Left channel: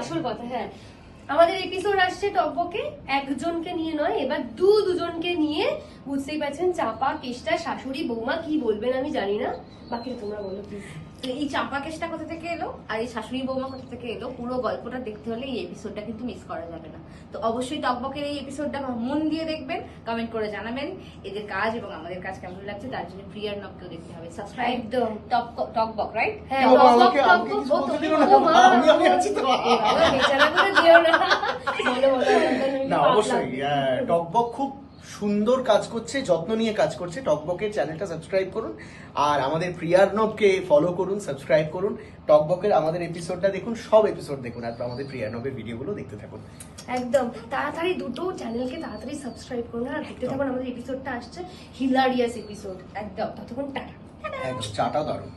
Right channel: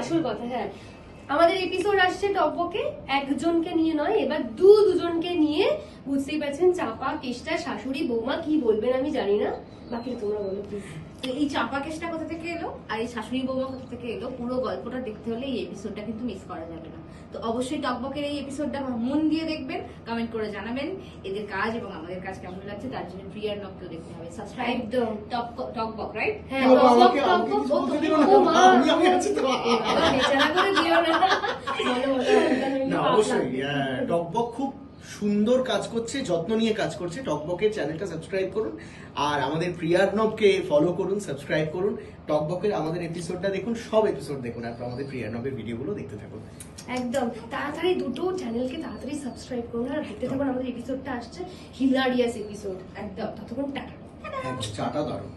আসল কথা। হ্যাঁ, আমাদের এপিসোড আসছে টকবকে একজনকে নিয়ে নয়, এবার দুজনকে নিয়ে। বুঝতেই পারছেন, চাপা, কেষ্টা, শাশুড়ি, বৌমা কি বলবেন আমি জানি না, বাকিটা তোমরা বলো প্লিজ। তো এই চাপা কেসটা কোথা থেকে এলো আর এই শাশুড়ি বৌমা কোথা থেকে এলো, পুরো গল্পটা দেখতে হলে এই এপিসোডটা কিন্তু মিস করা যাবে না। তো অবশ্যই টকবকের এই এপিসোডটা মন দিয়ে দেখবেন, কমেন্ট করে জানাবেন এদের কাজ এবং আমাদের কাজ কেমন লাগছে। তার জন্য প্রিয়ার নককেও দেখতে হবে, সাবস্ক্রাইব একদম। টকবক, রাইট? হ্যাঁ, বাবা, টকবক, আমাকে টকবক, কিছু ও বলতে তুমি দিও না, বলো, মা। আমি আছি তো। এ বাবা, বেচারা করে দিও না। বলো, বলো, না পাপ অবশ্যই লাগবে। টকবক খুব সুন্দর কাজ করছে, যত্ন নিয়ে কাজ করছে। টকবকের চ্যানেলটা সাবস্ক্রাইব করুন আর আমাদের প্রিয়ার্ণবকে ফলো করুন, সাবস্ক্রাইব করুন। টকবকের আমাদের এপিসোডটা দেখুন, সব এপিসোড দেখুন আর আমাদের প্রিয়ার্ণবের ভিডিওগুলো দেখতে থাকুন। একদম তাড়াতাড়ি দুটো চ্যানেলকে তাড়াতাড়ি সাবস্ক্রাইব করুন আর দেখতে থাকুন, আমাদের এপিসোডটা আসছে হিলারিয়াস এপিসোড। একদম, ততক্ষণ টাটা। একদম চাটা দারুণ।